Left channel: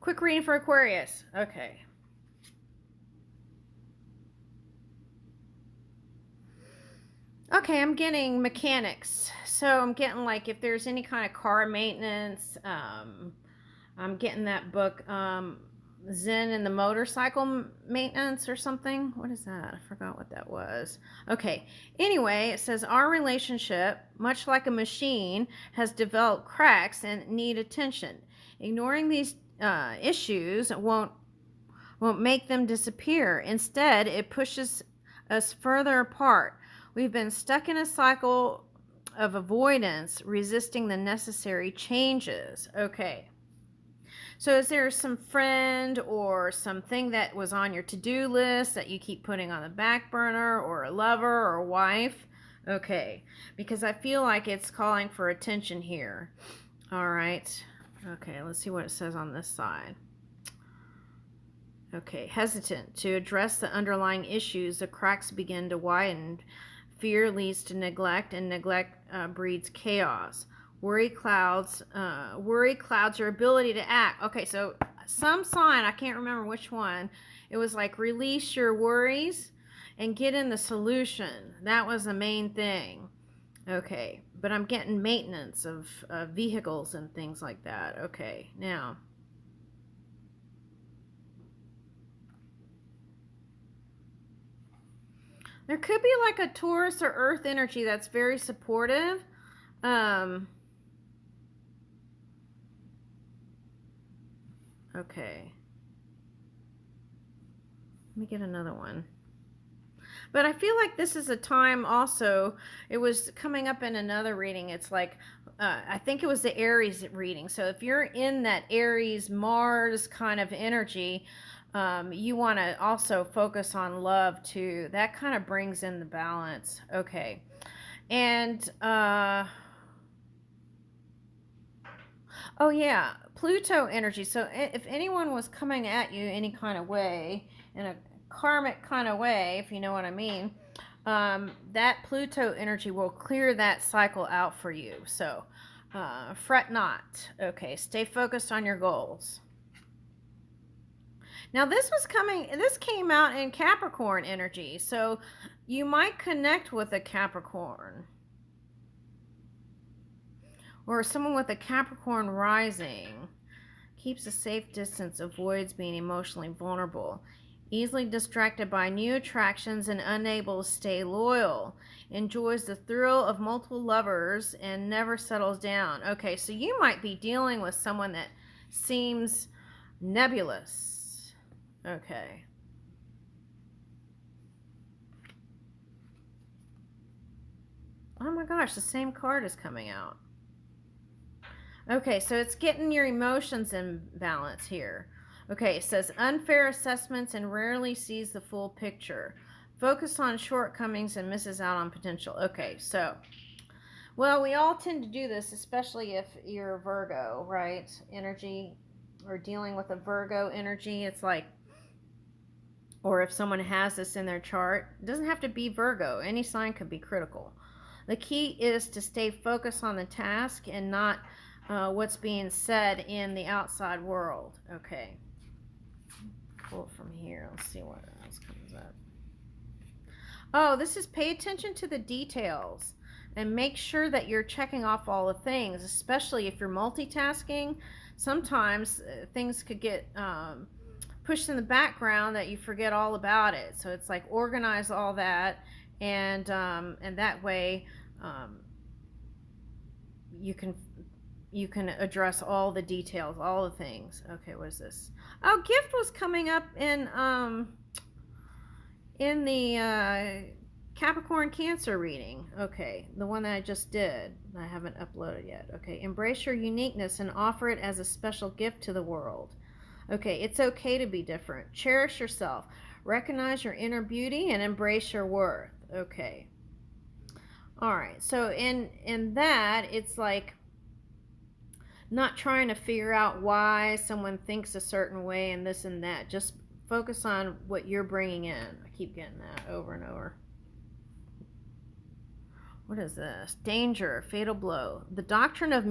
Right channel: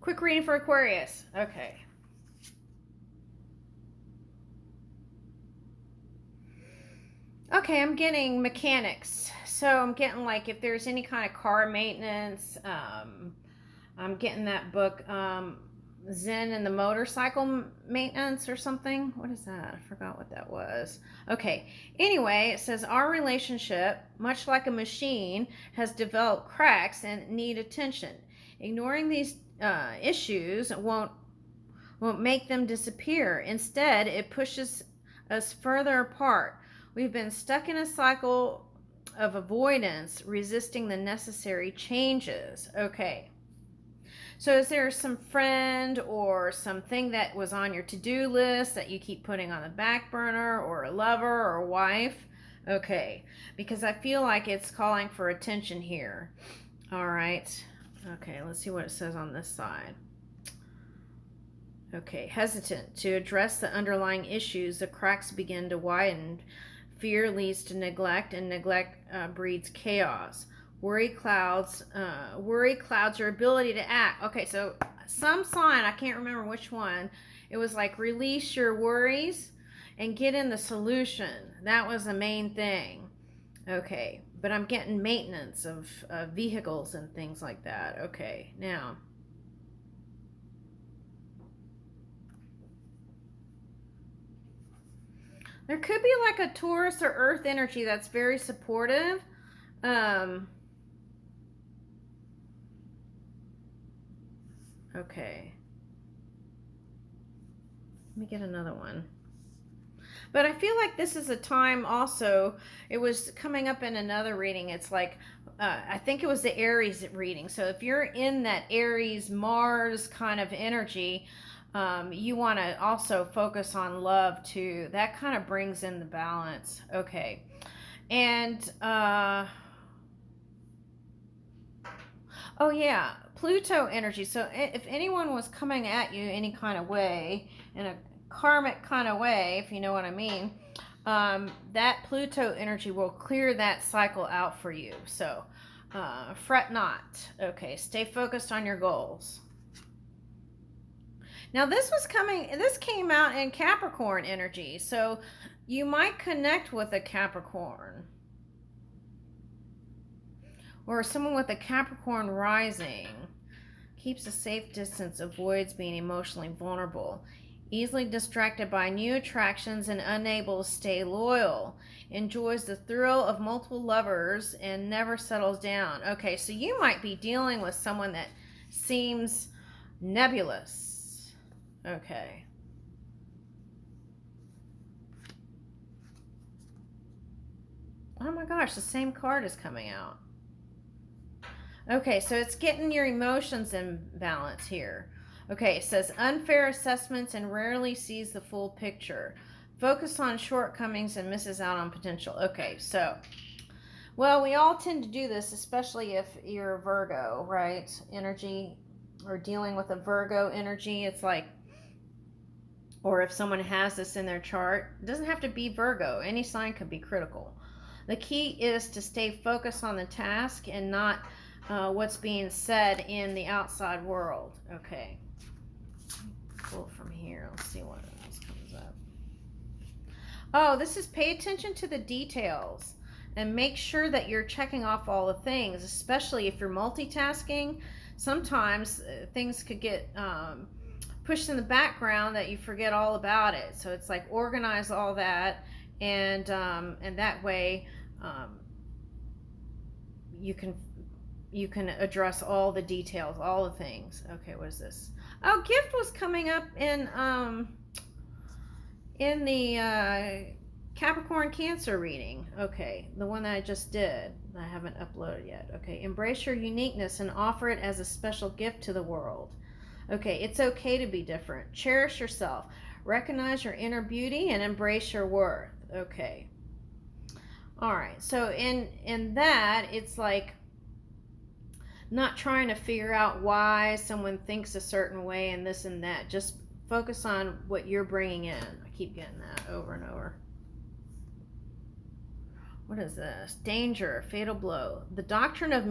Quick reading for Aquarius. Okay. Okay, I'm getting mechanics. So I'm getting like if there's any kind of car maintenance, I'm getting that book, Zen and the Motorcycle Maintenance or something. What is that? I forgot what that was. Okay. Anyway, it says our relationship, much like a machine, has developed cracks and need attention. Ignoring these issues won't make them disappear. Instead, it pushes us further apart. We've been stuck in a cycle of avoidance, resisting the necessary changes. Okay. So is there some friend or something that was on your to-do list that you keep putting on the back burner, or a lover or a wife? Okay. Because I feel like it's calling for attention here. All right. Okay, let's see what it says on this side. Okay, hesitant to address the underlying issues, the cracks begin to widen. Fear leads to neglect, and neglect breeds chaos. Worry clouds your ability to act. Okay, so some sign, I can't remember which one, it was like release your worries and get in the solution. That was the main thing. Okay, but I'm getting maintenance of vehicles and things like that. Okay, now there could be like a Taurus or Earth energy that's very supportive. Okay. Let me get another one. But I feel like this is a time also, it was coming up in another reading. It's like, I think it was the Aries reading. So if you're in that Aries, Mars kind of energy, you want to also focus on love too. That kind of brings in the balance. Okay. And, oh yeah, Pluto energy. So if anyone was coming at you any kind of way, in a karmic kind of way, if you know what I mean, that Pluto energy will clear that cycle out for you. So fret not. Okay, stay focused on your goals. Now this came out in Capricorn energy. So you might connect with a Capricorn, or someone with a Capricorn rising. Keeps a safe distance, avoids being emotionally vulnerable, easily distracted by new attractions and unable to stay loyal, enjoys the thrill of multiple lovers and never settles down. Okay, so you might be dealing with someone that seems nebulous. Okay. Oh my gosh, the same card is coming out. Okay, so it's getting your emotions in balance here. Okay, it says unfair assessments and rarely sees the full picture. Focus on shortcomings and misses out on potential. Okay, so, well, we all tend to do this, especially if you're a Virgo, right? Energy, or dealing with a Virgo energy. It's like, or if someone has this in their chart, it doesn't have to be Virgo. Any sign could be critical. The key is to stay focused on the task and not what's being said in the outside world. Okay. Pull it from here. Let's see what else comes up. Oh, this is pay attention to the details and make sure that you're checking off all the things, especially if you're multitasking. Sometimes things could get pushed in the background that you forget all about it. So it's like organize all that, and that way you can address all the details, all the things. Okay, what is this? Oh, gift was coming up in the Capricorn Cancer reading. Okay, the one that I just did. I haven't uploaded yet. Okay, embrace your uniqueness and offer it as a special gift to the world. Okay, it's okay to be different. Cherish yourself. Recognize your inner beauty and embrace your worth. Okay. All right, so in that, it's like not trying to figure out why someone thinks a certain way and this and that. Just focus on what you're bringing in. I keep getting that over and over. What is this? Danger, fatal blow. The doctrine of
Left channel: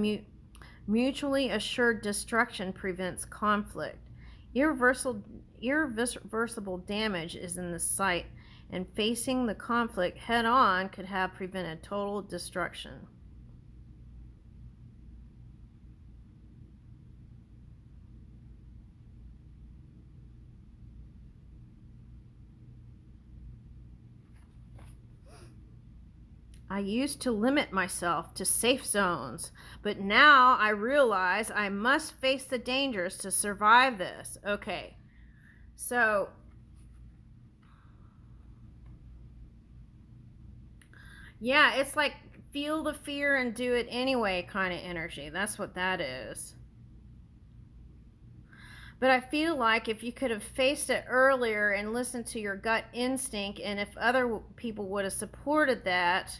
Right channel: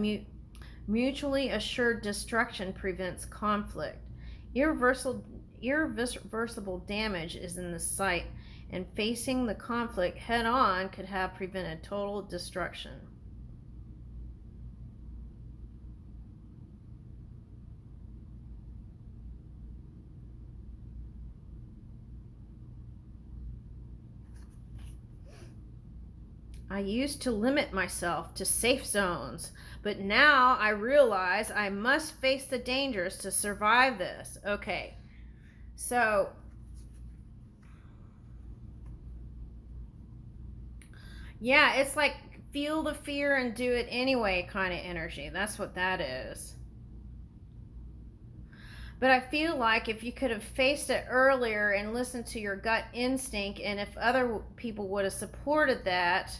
Mutually assured destruction prevents conflict. Irreversible damage is in the sight, and facing the conflict head on could have prevented total destruction. I used to limit myself to safe zones, but now I realize I must face the dangers to survive this. Okay, so yeah, it's like feel the fear and do it anyway kind of energy. That's what that is. But I feel like if you could have faced it earlier and listened to your gut instinct, and if other people would have supported that,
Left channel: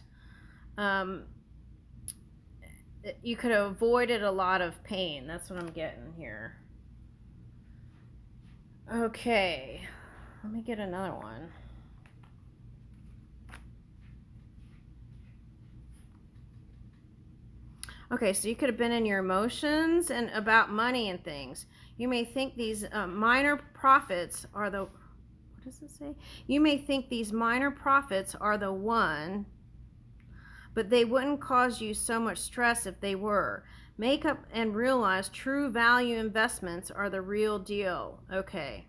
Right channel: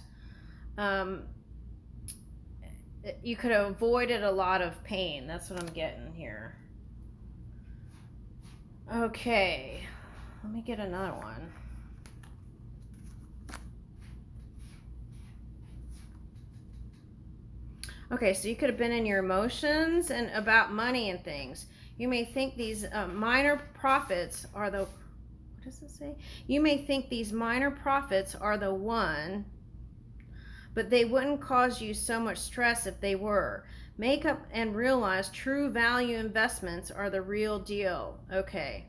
you could have avoided a lot of pain. That's what I'm getting here. Okay, let me get another one. Okay, so you could have been in your emotions and about money and things. You may think these minor profits are the, what does it say? You may think these minor profits are the one, but they wouldn't cause you so much stress if they were. Make up and realize true value investments are the real deal. Okay.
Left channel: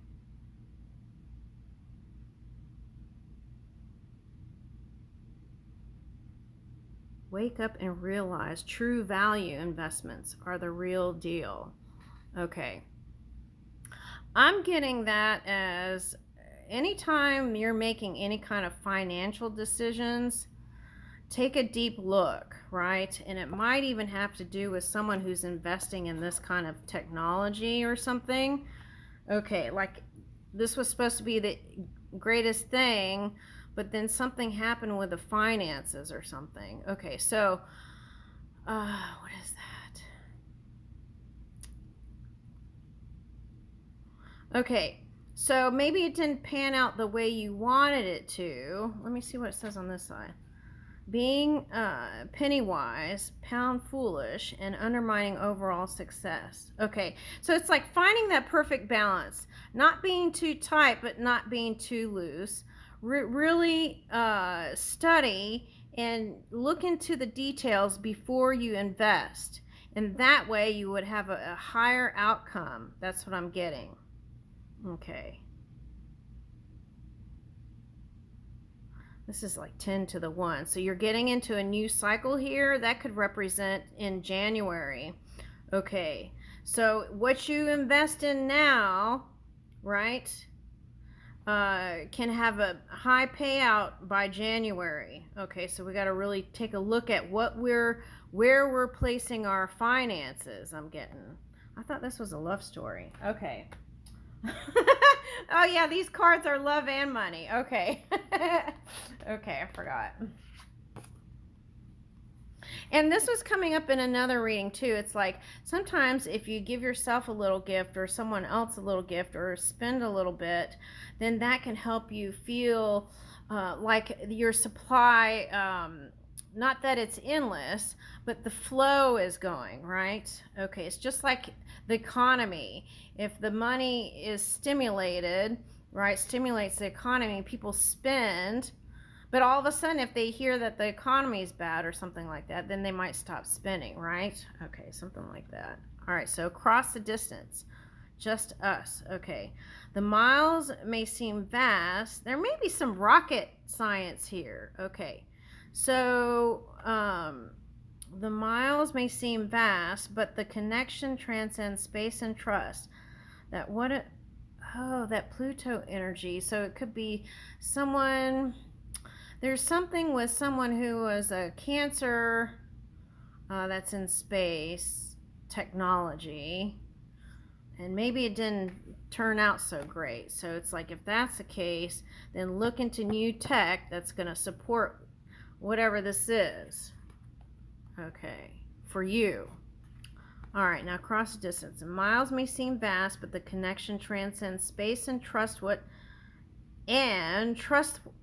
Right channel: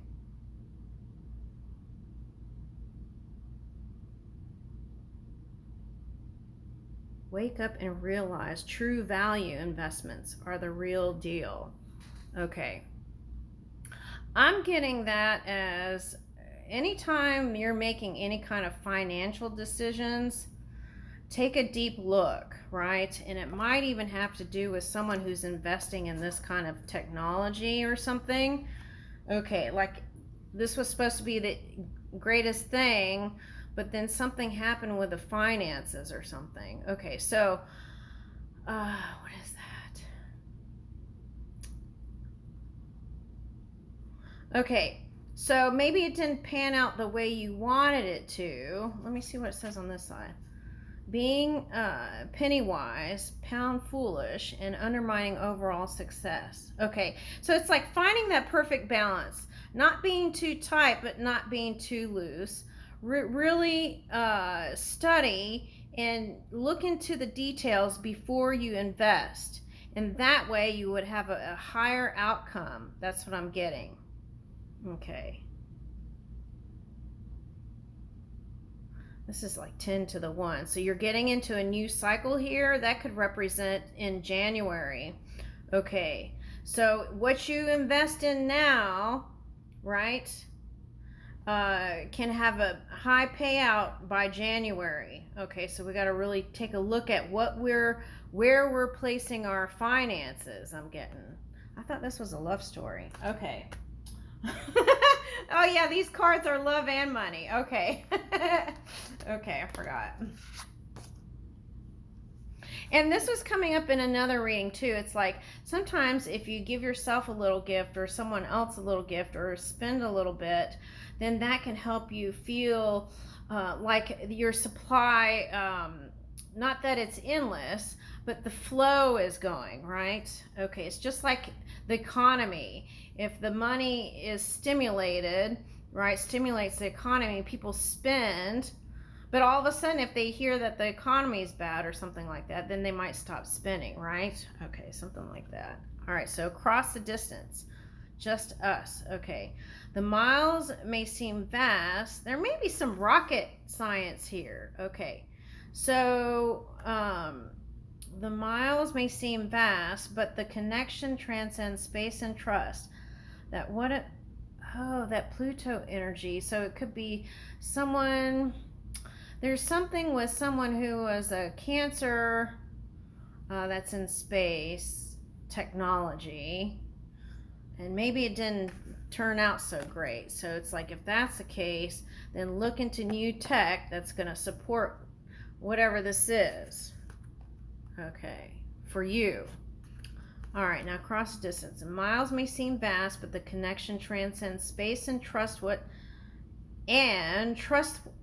Wake up and realize true value investments are the real deal. Okay. I'm getting that as anytime you're making any kind of financial decisions, take a deep look, right? And it might even have to do with someone who's investing in this kind of technology or something. Okay, like this was supposed to be the greatest thing, but then something happened with the finances or something. Okay, so what is that? Okay, so maybe it didn't pan out the way you wanted it to. Let me see what it says on this side. Being penny wise, pound foolish, and undermining overall success. Okay, so it's like finding that perfect balance, not being too tight but not being too loose. Really study and look into the details before you invest, and that way you would have a higher outcome. That's what I'm getting. Okay, this is like 10 to the 1, so you're getting into a new cycle here. That could represent in January. Okay, so what you invest in now, right, can have a high payout by January. Okay, so we got to really take a look at where we're placing our finances. I'm getting, I thought this was a love story. Okay. Oh yeah, these cards are love and money. Okay. Okay, I forgot. And this was coming up in another reading too. It's like sometimes if you give yourself a little gift or someone else a little gift or spend a little bit, then that can help you feel like your supply, not that it's endless, but the flow is going, right? Okay, it's just like the economy. If the money is stimulated, right, stimulates the economy, people spend, but all of a sudden if they hear that the economy is bad or something like that, then they might stop spending, right? Okay, something like that. All right, so across the distance, just us. Okay, the miles may seem vast. There may be some rocket science here. Okay, so the miles may seem vast, but the connection transcends space and trust. That what it, oh, that Pluto energy. So it could be someone, there's something with someone who was a Cancer, that's in space technology, and maybe it didn't turn out so great. So it's like if that's the case, then look into new tech that's going to support whatever this is. Okay, for you. All right, now cross distance. Miles may seem vast, but the connection transcends space and trust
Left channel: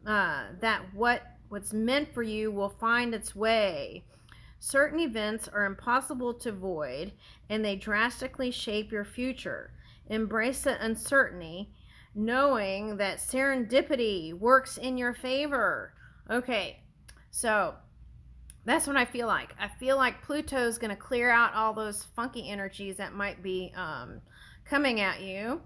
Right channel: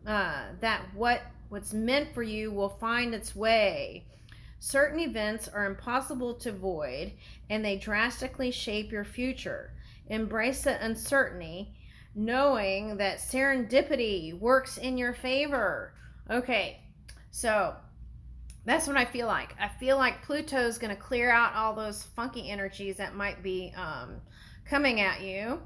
that what's meant for you will find its way. Certain events are impossible to avoid, and they drastically shape your future. Embrace the uncertainty, knowing that serendipity works in your favor. Okay, so that's what I feel like. I feel like Pluto's going to clear out all those funky energies that might be coming at you.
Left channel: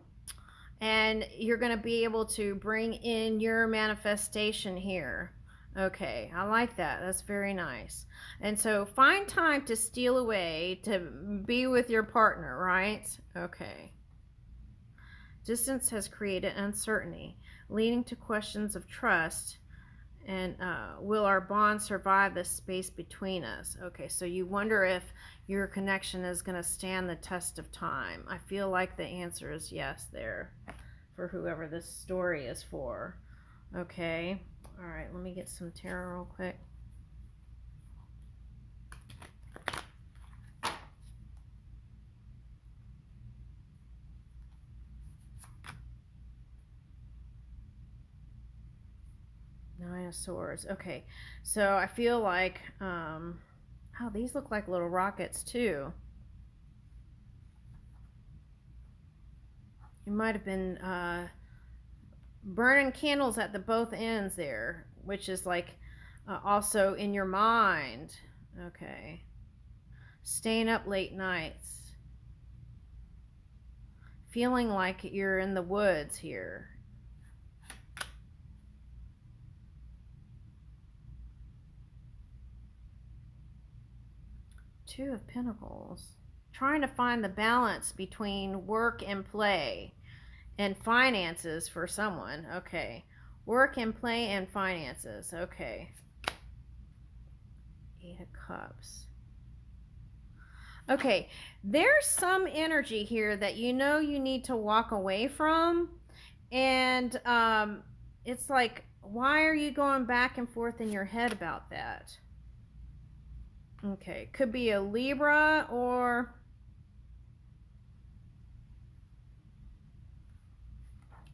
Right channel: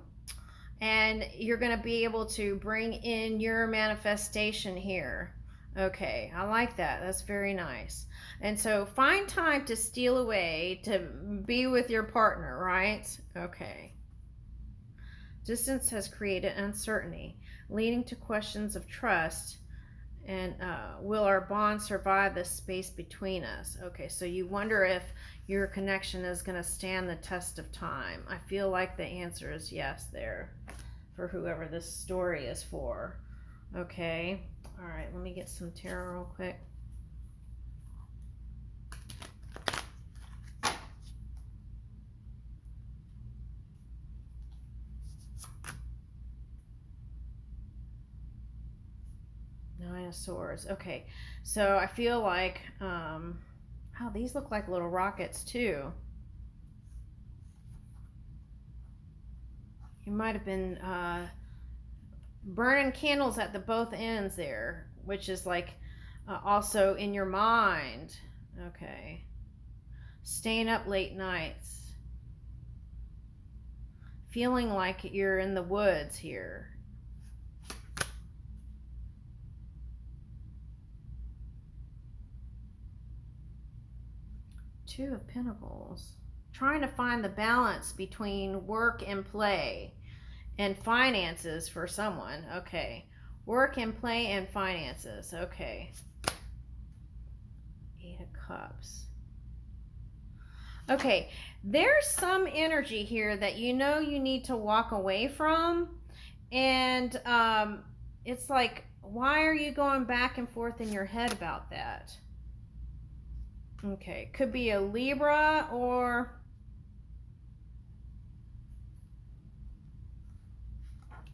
And you're going to be able to bring in your manifestation here. Okay, I like that. That's very nice. And so find time to steal away to be with your partner, right? Okay. Distance has created uncertainty, leading to questions of trust. And will our bond survive the space between us? Okay, so you wonder if your connection is going to stand the test of time. I feel like the answer is yes there for whoever this story is for. Okay, all right, let me get some tarot real quick. Nine of Swords. Okay, so I feel like, oh, these look like little rockets too. You might have been burning candles at the both ends there, which is like also in your mind. Okay. Staying up late nights. Feeling like you're in the woods here. Two of Pentacles. Trying to find the balance between work and play and finances for someone. Okay. Work and play and finances. Okay. Eight of Cups. Okay. There's some energy here that you know you need to walk away from. And it's like, why are you going back and forth in your head about that? Okay. Could be a Libra or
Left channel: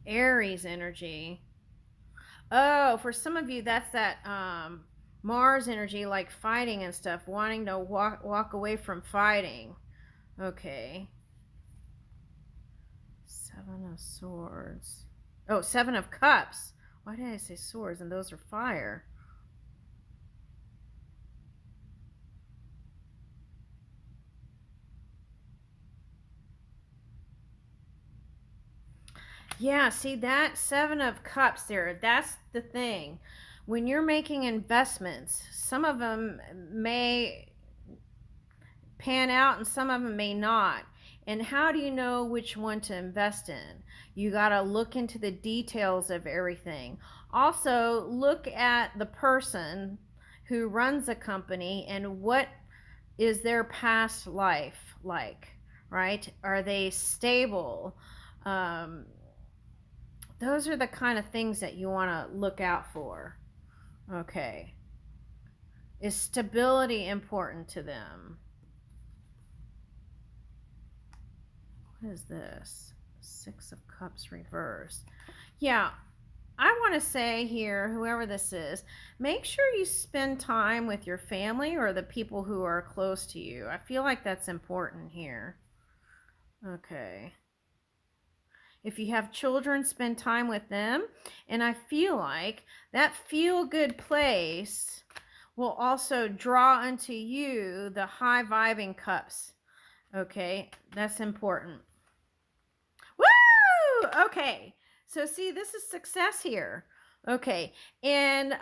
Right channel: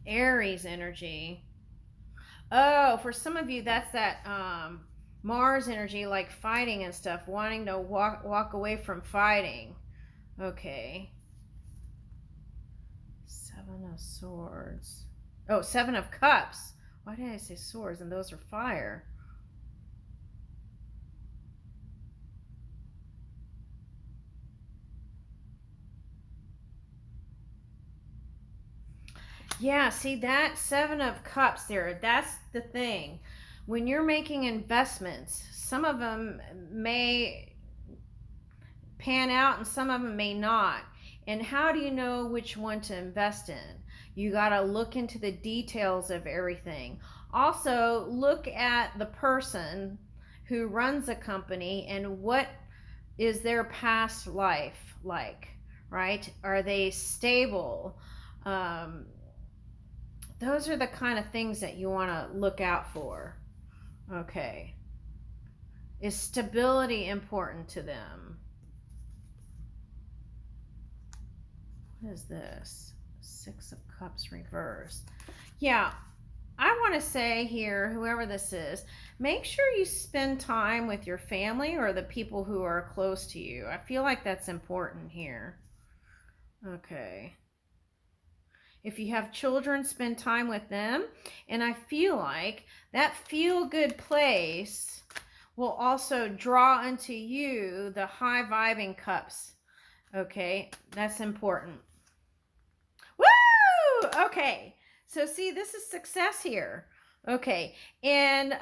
Aries energy. Oh, for some of you, that's that Mars energy, like fighting and stuff, wanting to walk away from fighting. Okay. Seven of Swords. Oh, Seven of Cups. Why did I say swords? And those are fire. Yeah, see that Seven of Cups there, that's the thing. When you're making investments, some of them may pan out and some of them may not. And how do you know which one to invest in? You got to look into the details of everything. Also, look at the person who runs a company and what is their past life like, right? Are they stable? Those are the kind of things that you want to look out for. Okay. Is stability important to them? What is this? Six of Cups reversed. Yeah, I want to say here, whoever this is, make sure you spend time with your family or the people who are close to you. I feel like that's important here. Okay. If you have children, spend time with them. And I feel like that feel-good place will also draw unto you the high-vibing cups. Okay, that's important. Woo! Okay, so see, this is success here. Okay, and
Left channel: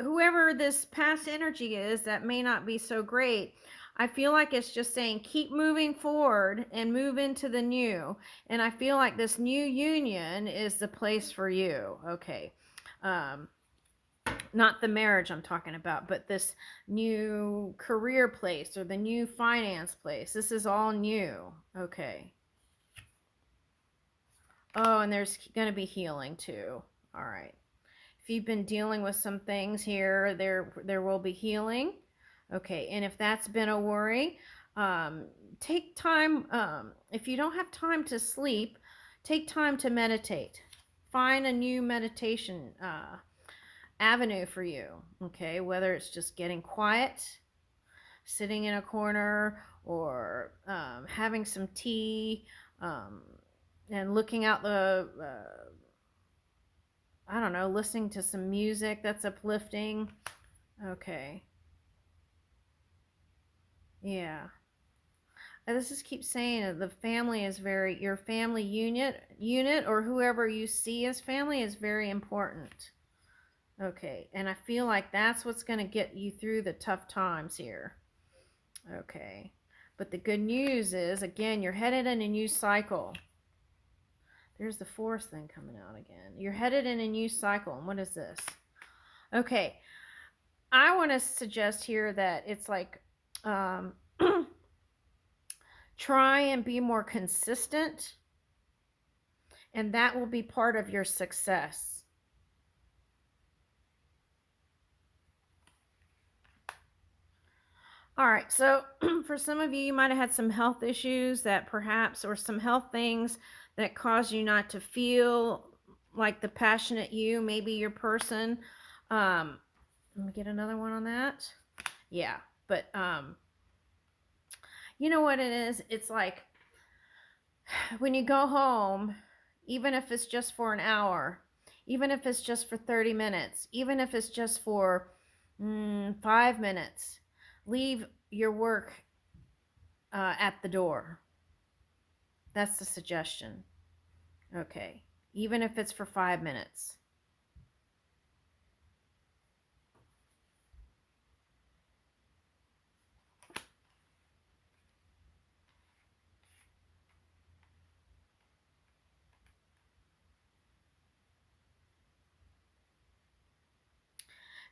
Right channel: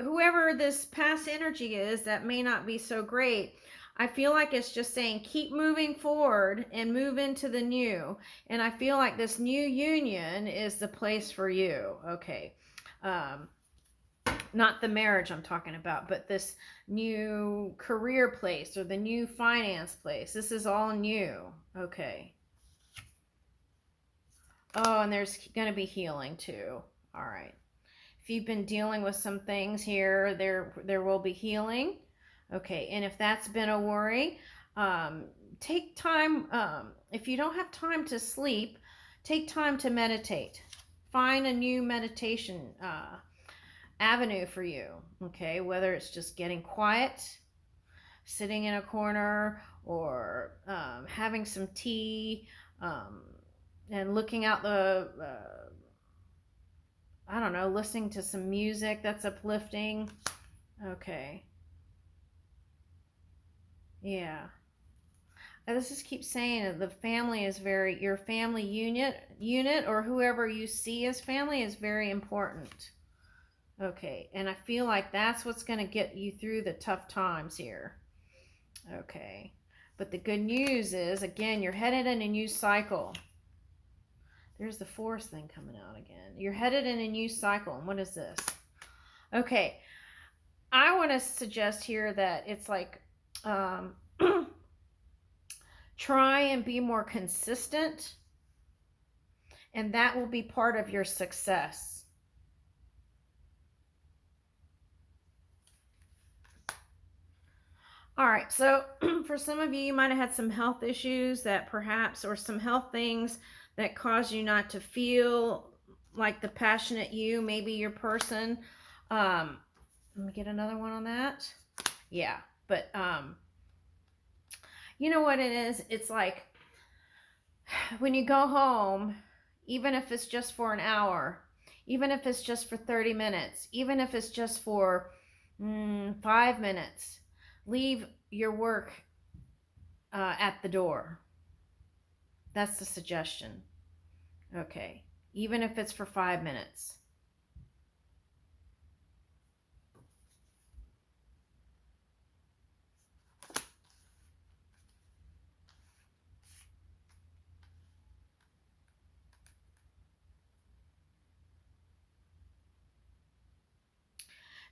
whoever this past energy is that may not be so great, I feel like it's just saying keep moving forward and move into the new. And I feel like this new union is the place for you. Okay. Not the marriage I'm talking about, but this new career place or the new finance place. This is all new. Okay. Oh, and there's going to be healing too. All right. If you've been dealing with some things here, there will be healing. Okay, and if that's been a worry, take time. If you don't have time to sleep, take time to meditate. Find a new meditation avenue for you. Okay, whether it's just getting quiet, sitting in a corner, or having some tea, and looking out the, I don't know, listening to some music that's uplifting. Okay. Yeah. This just keeps saying that the family is very, your family unit or whoever you see as family is very important. Okay, and I feel like that's what's going to get you through the tough times here. Okay, but the good news is, again, you're headed in a new cycle. There's the force thing coming out again. You're headed in a new cycle. And what is this? Okay, I want to suggest here that it's like, try and be more consistent, and that will be part of your success. All right, so for some of you, you might have had some health issues that perhaps, or some health things that cause you not to feel like the passionate you, maybe your person. Let me get another one on that. Yeah, but you know what it is? It's like when you go home, even if it's just for an hour, even if it's just for 30 minutes, even if it's just for 5 minutes, leave your work at the door. That's the suggestion. Okay, even if it's for 5 minutes.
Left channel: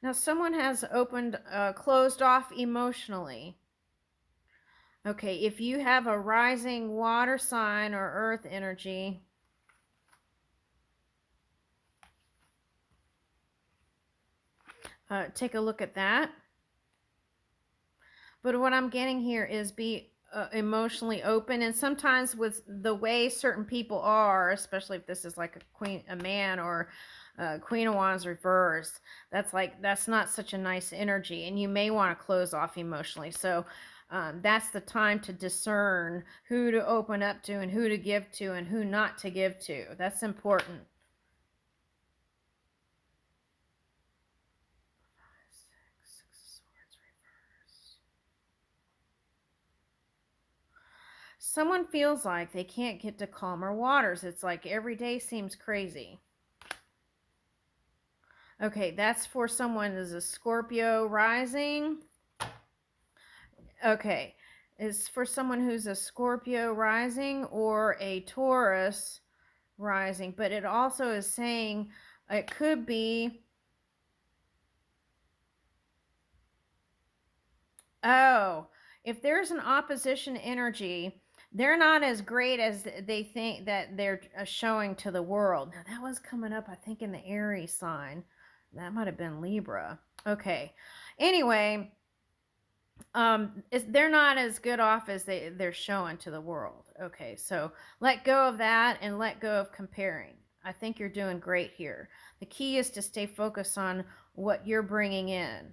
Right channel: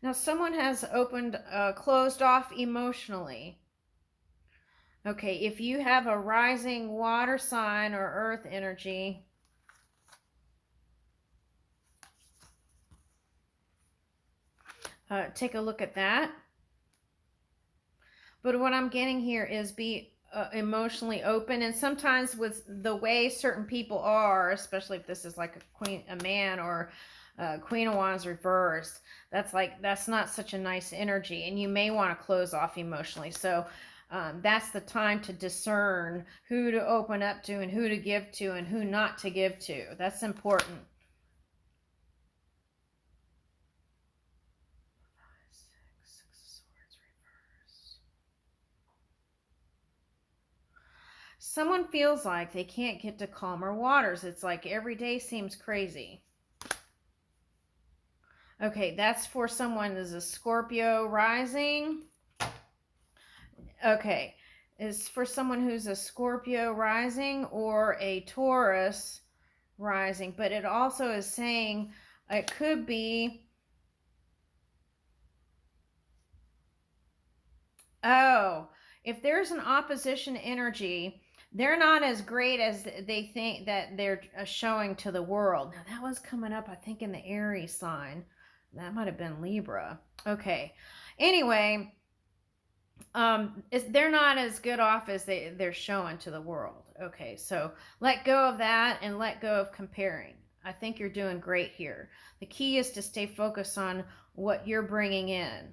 Now, someone has closed off emotionally. Okay, if you have a rising water sign or earth energy, take a look at that. But what I'm getting here is be emotionally open, and sometimes with the way certain people are, especially if this is like a man, or Queen of Wands reversed, that's not such a nice energy, and you may want to close off emotionally. So that's the time to discern who to open up to and who to give to and who not to give to. That's important. Someone feels like they can't get to calmer waters. It's like every day seems crazy. Okay, that's for someone who's a Scorpio rising. Okay, it's for someone who's a Scorpio rising or a Taurus rising, but it also is saying it could be, oh, if there's an opposition energy, they're not as great as they think that they're showing to the world. Now, that was coming up, I think, in the Aries sign. That might have been Libra. Okay. Anyway, they're not as good off as they're showing to the world. Okay, so let go of that and let go of comparing. I think you're doing great here. The key is to stay focused on what you're bringing in.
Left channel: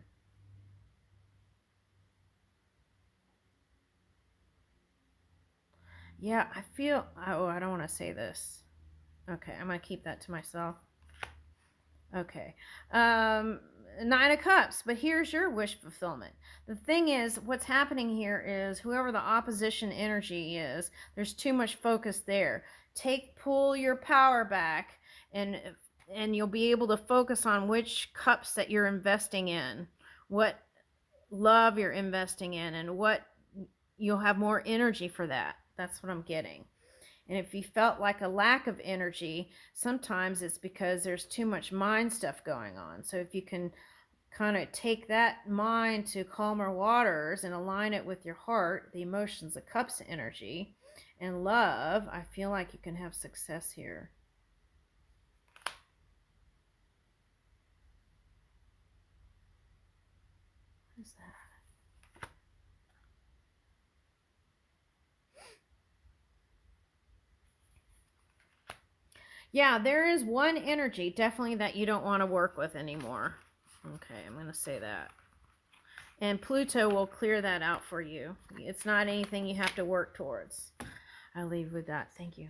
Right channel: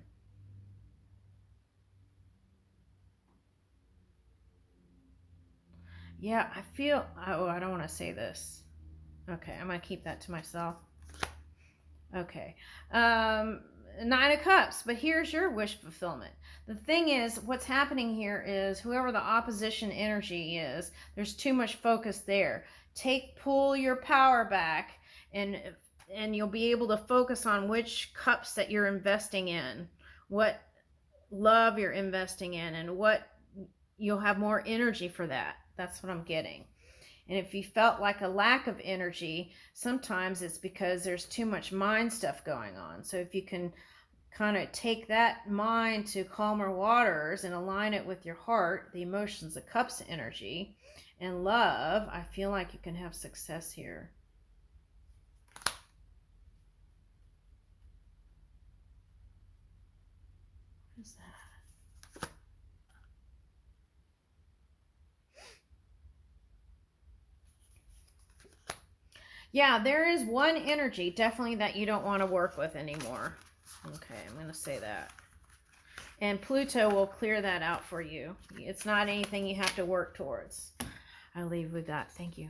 Yeah, I feel, oh, I don't want to say this. Okay, I'm going to keep that to myself. Okay. Nine of Cups, but here's your wish fulfillment. The thing is, what's happening here is whoever the opposition energy is, there's too much focus there. Pull your power back, and you'll be able to focus on which cups that you're investing in, what love you're investing in, and what you'll have more energy for that. That's what I'm getting. And if you felt like a lack of energy, sometimes it's because there's too much mind stuff going on. So if you can kind of take that mind to calmer waters and align it with your heart, the emotions, the cups energy, and love, I feel like you can have success here. What is that? Yeah, there is one energy definitely that you don't want to work with anymore. Okay, I'm going to say that. And Pluto will clear that out for you. It's not anything you have to work towards. I'll leave with that. Thank you.